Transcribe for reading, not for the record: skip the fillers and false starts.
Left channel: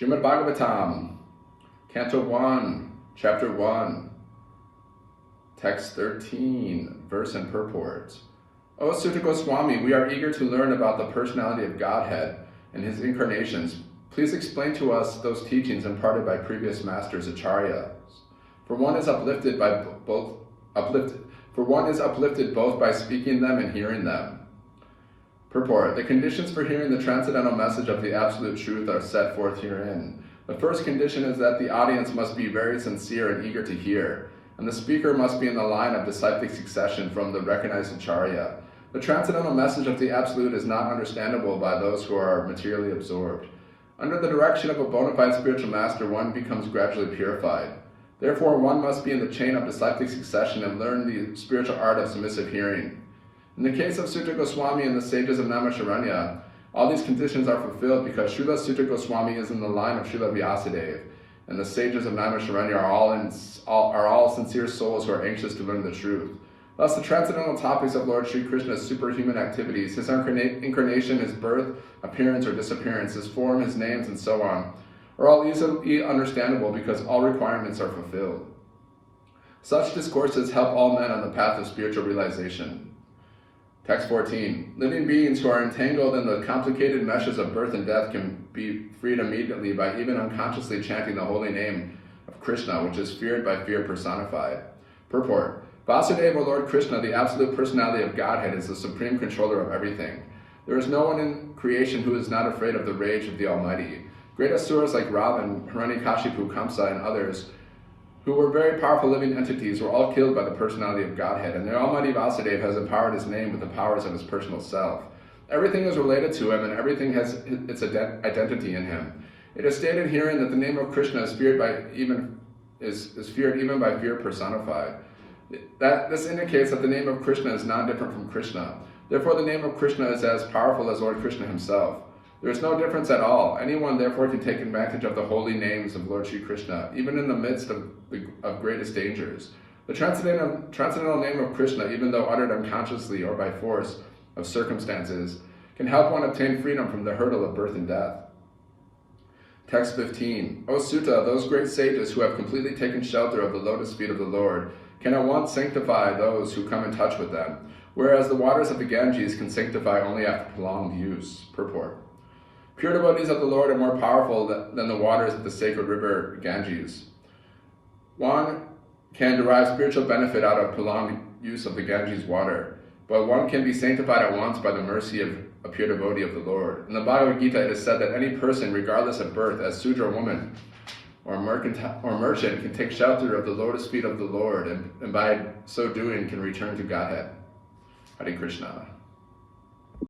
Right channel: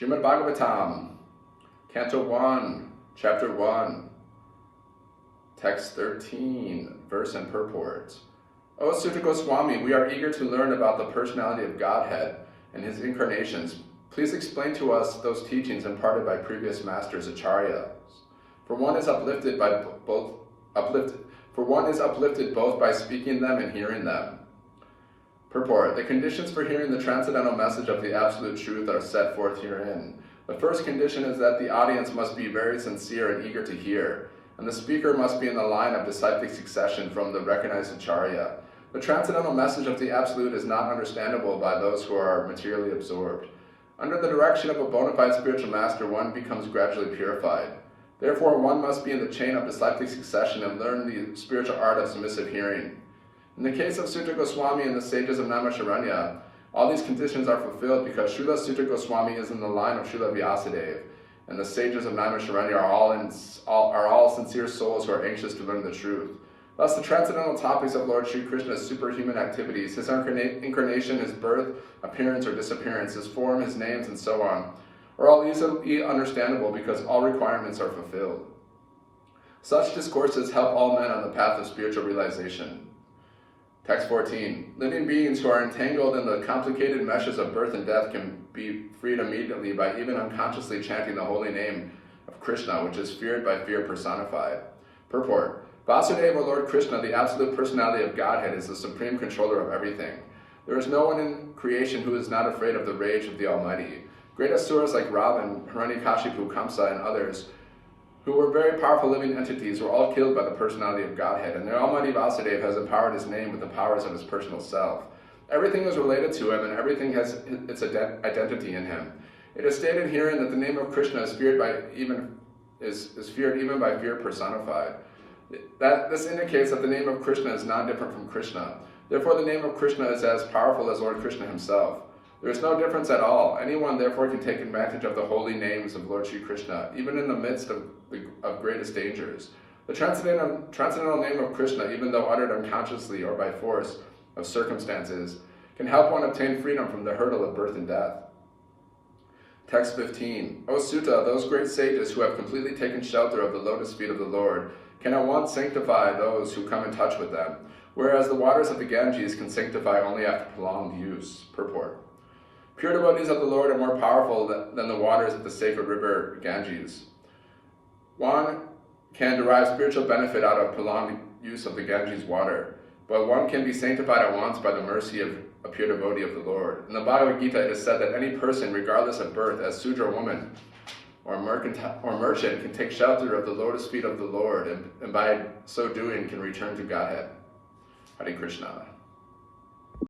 Srimad Bhagavatam, Canto 1, Chapter 1, Text 13, Verse and Purport. O Sutta Goswami, we are eager to learn about the personality of Godhead and his incarnations. Please explain to us those teachings imparted by previous masters, acharyas. For one is uplifted both by speaking them and hearing them. Purport. The conditions for hearing the transcendental message of the absolute truth are set forth herein. The first condition is that the audience must be very sincere and eager to hear, and the speaker must be in the line of disciplic succession from the recognized acharya. The transcendental message of the absolute is not understandable by those who are materially absorbed. Under the direction of a bona fide spiritual master, one becomes gradually purified. Therefore, one must be in the chain of disciplic succession and learn the spiritual art of submissive hearing. In the case of Sutta Goswami and the sages of Naimisharanya, all these conditions are fulfilled because Srila Sutta Goswami is in the line of Srila Vyasadeva, and the sages of Naimisharanya are all sincere souls who are anxious to learn the truth. Thus, the transcendental topics of Lord Sri Krishna's superhuman activities, his incarnation, his birth, appearance or disappearance, his form, his names, and so on, are all easily understandable because all requirements are fulfilled. Such discourses help all men on the path of spiritual realization. Text 14. Living beings who are entangled in the complicated meshes of birth and death can be freed immediately by even unconsciously chanting the holy name of Krishna, which is feared by fear personified. Purport. Vasudeva, or Lord Krishna, the absolute personality of Godhead, is the supreme controller of everything. There is no one in creation who is not afraid of the rage of the Almighty. Great asuras like Ravan, Hiranyakashipu, Kamsa, and others, who were very powerful living entities, were all killed by the personality of Godhead, and the Almighty Vasudeva has empowered his name with the powers of his personal self. Everything is related to him, and everything has its identity in him. It is stated herein that the name of Krishna is feared even by fear personified. This indicates that the name of Krishna is non-different from Krishna. Therefore, the name of Krishna is as powerful as Lord Krishna himself. There is no difference at all. Anyone therefore can take advantage of the holy names of Lord Sri Krishna, even in the midst of greatest dangers. The transcendental name of Krishna, even though uttered unconsciously or by force of circumstances, can help one obtain freedom from the hurdle of birth and death. Text 15. O Sutta, those great sages who have completely taken shelter of the lotus feet of the Lord can at once sanctify those who come in touch with them, whereas the waters of the Ganges can sanctify only after prolonged use. Purport. Pure devotees of the Lord are more powerful than the waters of the sacred river Ganges. One can derive spiritual benefit out of prolonged use of the Ganges water, but one can be sanctified at once by the mercy of a pure devotee of the Lord. In the Bhagavad Gita, it is said that any person, regardless of birth, as Sudra woman or merchant, can take shelter of the lotus feet of the Lord, and by so doing can return to Godhead. Hare Krishna.